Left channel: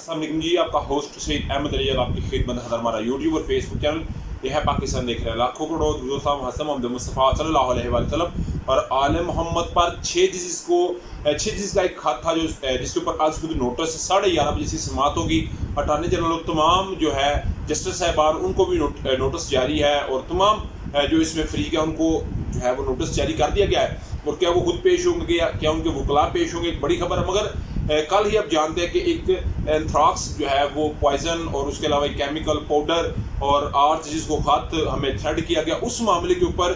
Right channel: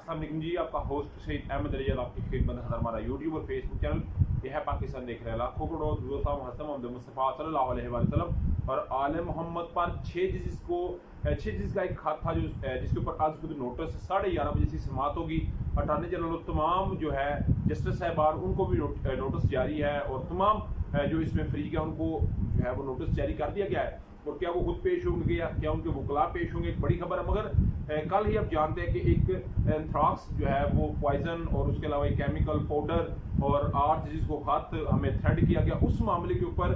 अस्सलाम वालेकुम जी, आपका होस्ट सईद अहमद अली आपकी खिदमत है। हमारा यूट्यूब और फेसबुक चैनल यह है पाकिस्तान देख रहे हैं। लाखों करोड़ दोस्तों हसन मोहम्मद मुस्तफ़ा सल्लल्लाहु अलैहि वसल्लम और आले मोहम्मद पर 6 जिस का एक खत था जो जिसके ऊपर आज खुद नोटिस 11:30 बजे से समाप्त होगी। अटारनी जनरल तमाम जो है जस्टिस साहबान उनको भी नोटिस जारी है और तमाम जो इसमें फ्रीक है उनको जो है वो नोटिस जारी कर दिया गया है। और क्या वो खुद पेश होंगे या क्या उनके वकला पेश होंगे, एक बड़ी खबर है। मगर कल ही आप जानते हैं कि एक एंथ्राक्स जो है वो पॉइजन और उसके अलावा एक केमिकल पाउडर और आर्च जिसको खत हमें थ्रेड किया गया, उस मामले के ऊपर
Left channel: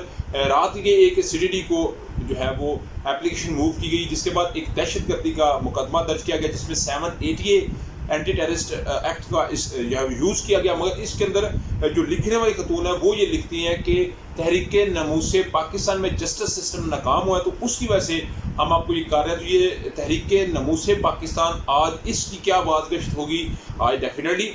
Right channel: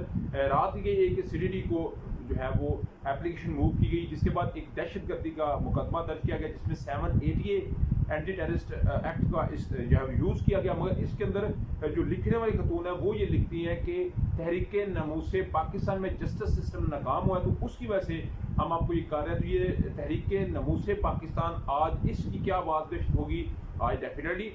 रात के एक CDD को जो है वो एप्लीकेशन मूव की गई, जिसके बाद एक दहशतगर्दी का मुकदमा दर्ज किया गया जिसमें 780 एंटी टेररिस्ट एक्ट का जो है यूज़ किया गया। मगर इसके अंदर जो लिखने वाली खतून है वो ये लिखती हैं कि तहरीक नमूसे पाकिस्तान में जस्टिस सिस्टम नाकाम हुआ है, तो उसकी वजह से हम आपको ये कर रहे हैं। तो ये तहरीक नमूसे पाकिस्तान आज इसकी क्या बाज़गश्त होगी, आज डेफिनेटली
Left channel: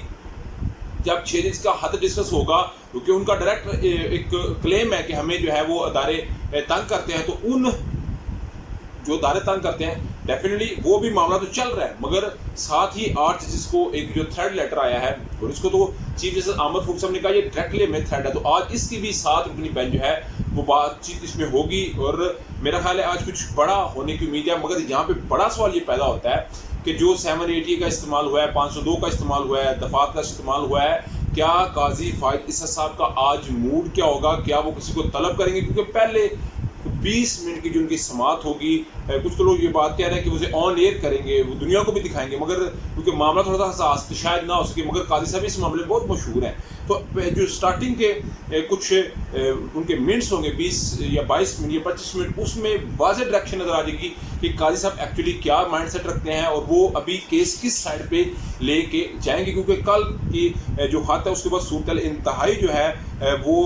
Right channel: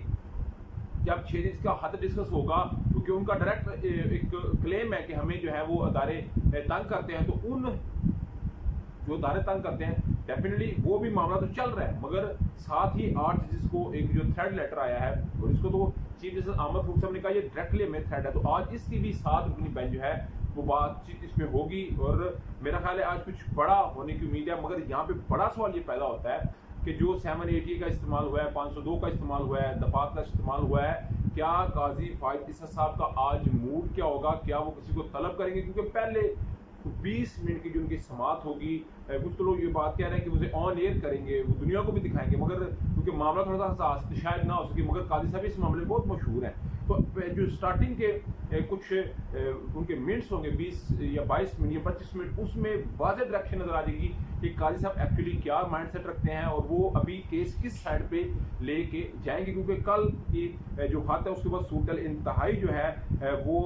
जब 6 दिन का हद डिस्कस होगा, क्योंकि उनका डायरेक्ट एक क्लेम है कि हमें जो है वो अदारे तंग करते हैं। तो उन जो अदारे तंग करते हैं डेफिनेटली वो भी मामला तो चल रहा है, मगर साथ ही 8 जिसको एक जो थ्रेड लेटर आया है और इसको तो चीफ जस्टिस आमद फूक साहब ने कहा ये डायरेक्टली में थ्रेड है, तो आज इसकी भी 7 रुकनी बेंच जो है वो बातचीत इसमें होगी। और मेरा ख्याल है आज कुछ बड़ा होने की उम्मीद है। मगर यहाँ पे बड़ा सवाल ये पैदा होता है कि जो 780 का इस्तेमाल हुआ है, 502 का इस्तेमाल हुआ है, दफात का इस्तेमाल हुआ है, क्या काजी फायद इसा साहब का आज मूड क्या होगा, क्या वो किसी को तलब करेंगे? क्योंकि पहले 20 मिनट की जो उनकी समात होगी, कुछ तो लोग ये बात कह रहे हैं कि उसे ऑन एयर करेंगे, वो दुनिया को भी दिखाएंगे, मगर क्योंकि मामला थोड़ा सा हसास तो शायद ना हो सके। मगर काजी साहब इस मामले में बहुत मशहूर हैं, तो जो स्टार्टिंग के कुछ उनके मिनट्स होंगे 20 या 22 मिनट या 25 मिनट, उसमें वाज़ेह डायरेक्शन नज़र आ जाएगी कि काजी साहब एक्चुअली क्या माइंड सेट रखते हैं और वो अभी केस किस साइड पे लेके जाएंगे। क्योंकि कल की जो हाथ है उसके बाद सूरत इंतहाई जो है वो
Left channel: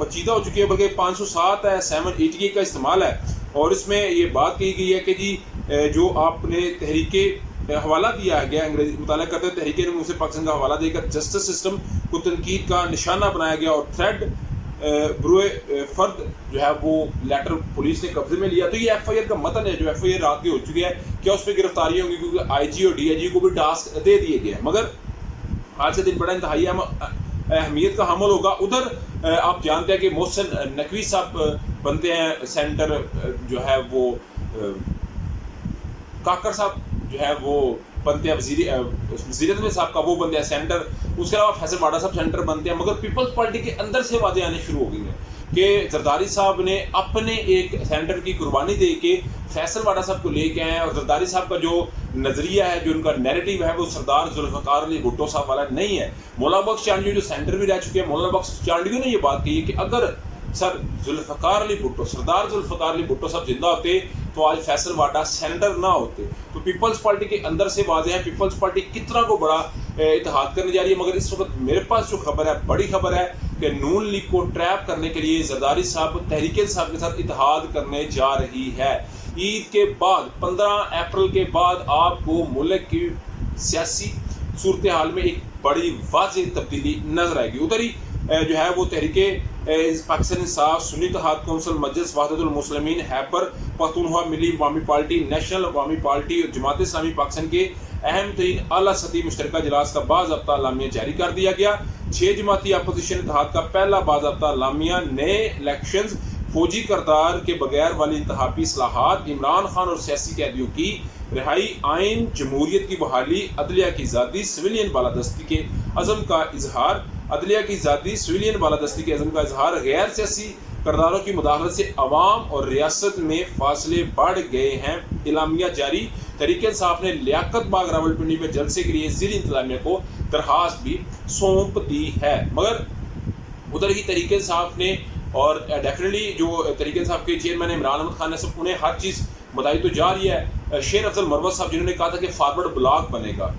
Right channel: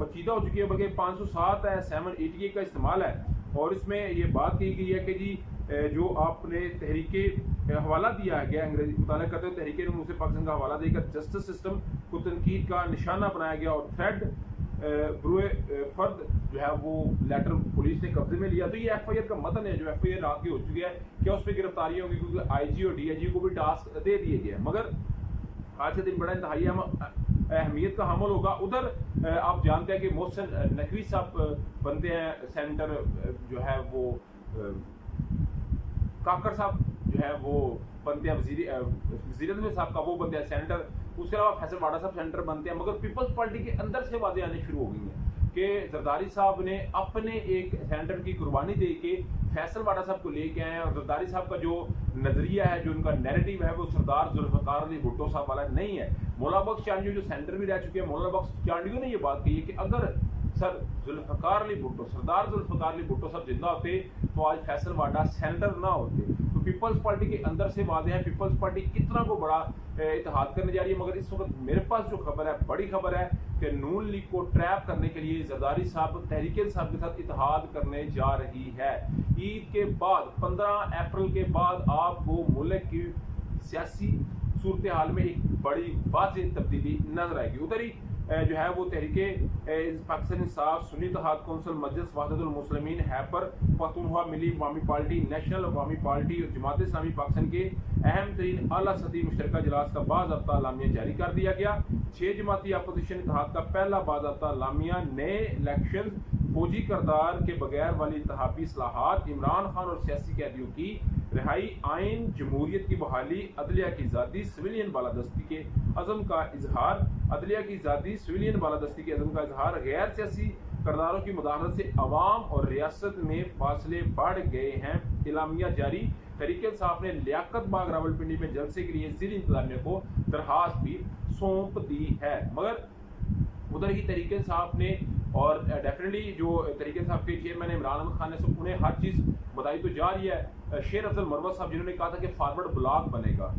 पचीदा हो चुकी है, बल्कि 507 है, 780 का इस्तेमाल है। और इसमें ये बात कही गई है कि जी जो आपने तहरीके हवाला दिया गया, अंग्रेजी मुताला करते हैं तहरीके ने मुझसे पाकिस्तान का हवाला देकर जस्टिस सिस्टम को तनकीद का निशाना बनाया गया और थ्रेड ब्रोए फर्द जो है वो लेटर पुलिस ने कब्जे में लिया। तो ये FIR का मतन है, जो FIR रात की हो चुकी है, क्या उस पर गिरफ्तारी होंगी? क्योंकि IG और DIG को भी टास्क दे दिए गए हैं। मगर आज के दिन बड़ा इंतहाई अहमियत का हमल होगा। उधर आप जानते हैं कि मोहसिन नकवी साहब बनते हैं सेंटर, जो है वो काकर साहब जो है वो बनते हैं वज़ीर में साहब का वो बनते हैं सेंटर, उसके अलावा फैसल वाडा साहब सेंटर बनते हैं। मगर पीपल्स पार्टी के अंदर से वादे आने शुरू हो गई हैं कि जरदारी साहब ने अपने एक सेंटर की कुर्बानी दे के फैसल वाडा साहब को लेके आए हैं। और जरदारी साहब का जो नज़रिया है, जो उनका नैरेटिव है, वो सरदार जुल्फ़िकार अली भुट्टो साहब वाला नहीं है। मौलाना बख्श चांडियो जो सेंटर भी रह चुके हैं, मौलाना बख्श चांडियो ने ये बात कही है कि अगर सर जुल्फ़िकार अली भुट्टो, सरदार जुल्फ़िकार अली भुट्टो साहब जिंदा होते तो आज फैसल वाडा सेंटर ना होते। तो पीपल्स पार्टी के अंदर से वाज़ेह है पीपल्स पार्टी कितना को बड़ा इत्तेहाद करने जा रही है। मगर इस वक्त मेरे पास जो खबर है, बड़ी खबर है कि नून लीग को ट्रैप करने के लिए जरदारी साहब तहरीक साहब के साथ इत्तेहाद करने जा रही है। ईद के बाद 15 अप्रैल के बाद आपको मुल्क की सियासी सूरत हाल में एक बड़ी वाज़ेह तब्दीली नजर आएगी। उधर ही जो है वो तहरीके पाकिस्तान इंसाफ, सुन्नी इत्तेहाद कौंसिल, मजलिस वहदतुल मुस्लिमीन, हैबर पख्तूनख्वा, मिली अवामी पार्टी, नेशनल अवामी पार्टी और जमात इस्लामी पाकिस्तान के अहम तरीन आला सतही मुश्तरका इजलास का बाज़ाब्ता लामिया जारी कर दिया गया। 6 जमाती अपोजिशन इत्तेहाद का पहला बाज़ाब्ता लामिया, नए इलेक्शंस, फौजी करदार के बगैर वाली इंतखाबी इस्लाहात, इमरान खान और सियासी कैदियों की रिहाई, आइन जमहूरियत की बहाली, अदलिया की आज़ादी, सिविलियन बालादस्ती के अज़म का इजहार, अदलिया की आज़ादी, सिविलियन बालादस्ती के अज़म का इजहार, गैर सियासी करदारों की मुदाखलत से अवाम और रियासत में फासले बढ़ गए हैं, इलामिया जारी। तहरीक इंसाफ ने लियाकत बाग रावलपिंडी में जलसे के लिए ज़िली इंतज़ामिया को दरख्वास्त भी सौंप दी है। मगर उधर ही तहरीक इंसाफ ने और डेफिनेटली जो तहरीक इंसाफ के चेयरमैन इमरान अहमद खान ने सब उन्हें हर चीज़ बताई तो जा रही है। शेर अफजल मरवत साहब जिन्होंने कहा था कि फारवर्ड ब्लॉक बनेगा,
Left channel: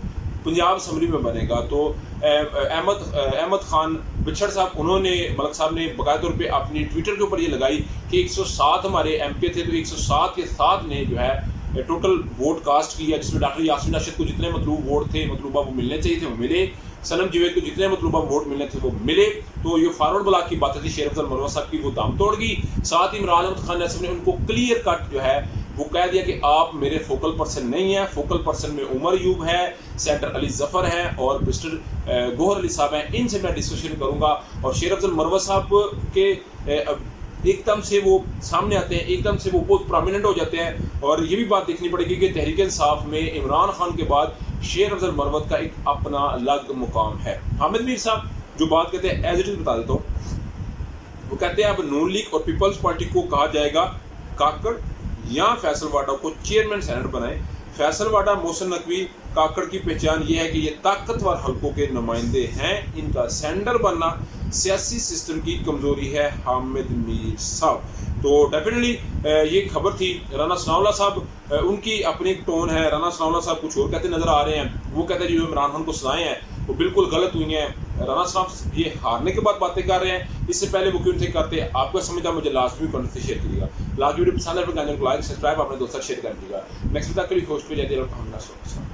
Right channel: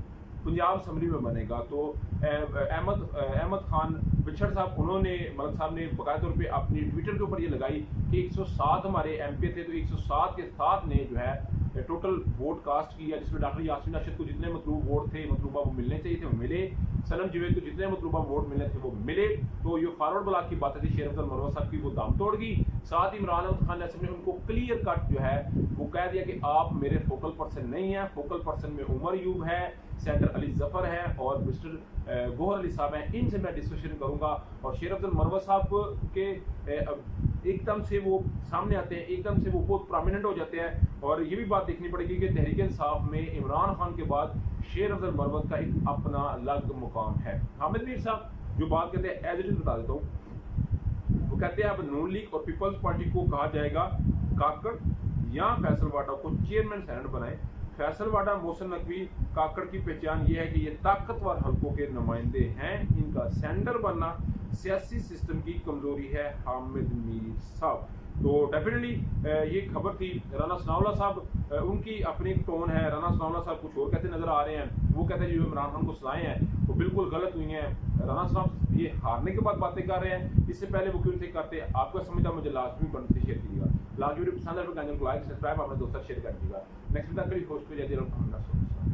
पंजाब असम्बली में बनेगा, तो अहमद खान बिछड़ साहब उन्होंने मलक साहब ने बाकायदा तौर पे अपनी ट्विटर के ऊपर ये लगाई कि 107 हमारे MP थे, तो 107 के साथ ने जो है टोटल वोट कास्ट किया, जिसमें डॉक्टर यासीन अरशद को जितने मतलूब वोट थे, मतलूबा वो मिलने चाहिए थे, वो मिले। सनम जवेद को जितने मतलूबा वोट मिलने थे वो मिले। तो ये फॉरवर्ड ब्लॉक की बात थी शेर अफजल मरवत साहब की, वो दाम तोड़ गई। साथ ही इमरान अहमद खान ने उनको क्लियर कट जो है وہ کہہ دیا کہ آپ میرے فوکل پرسن نہیں ہیں. فوکل پرسن میں عمر ایوب ہے, سینٹر علی ظفر ہے اور مسٹر گوہر علی صاحب ہیں. ان سے میں ڈسکشن کروں گا. اور شیر افضل مروت صاحب کے ایک دم سے وہ سامنے آتے ہیں, ایک دم سے وہ بہت پرومیننٹ ہو جاتے ہیں. اور یہ بھی بات دیکھنی پڑے گی کہ تحریک انصاف میں عمران خان کے بعد شیر افضل مروت کا ایک اپنا الگ مقام ہے. حامد میر صاحب جو بات کہتے ہیں ایز اٹ از بتا دیتا ہوں. وہ کہتے ہیں اب نون لیگ اور پیپلز پارٹی کو کہا جائے گا کاکڑ یا فیصل واڈا کو چیئرمین سینٹ بنائیں. فیصل واڈا, محسن نقوی, کاکڑ کی پہچان یہ ہے کہ یہ طاقتور حلقوں کے نمائندے ہیں. ان کا سینٹر بننا سیاسی سسٹم کی کمزوری ہے. حامد میر صاحب. تو ڈیفینیٹلی یہ خبر تھی. رانا ثناء اللہ صاحب, ان کی اپنی ایک ٹون ہے. رانا ثناء اللہ صاحب کچھ اور کہتے نظر آ رہے ہیں. وہ کہتے ہیں جو عمران خان کو سزائیں ہیں وہ بالکل غلط ہوئی ہیں. رانا صاحب یہ ہارنے کے بعد باتیں کر رہے ہیں, اس سے پہلے وہ کیوں تھے کرتے. آپ کا سمجھا مجھے لازمی کمنٹ سے شیئر کیجیے گا. لاجی ویڈیو پسند ہے تو چینل کو لائک سبسکرائب اپنے دوستوں شیئر کر دیجیے گا. نیکسٹ تک کے لیے ہوسٹ پہ جاتے ہیں.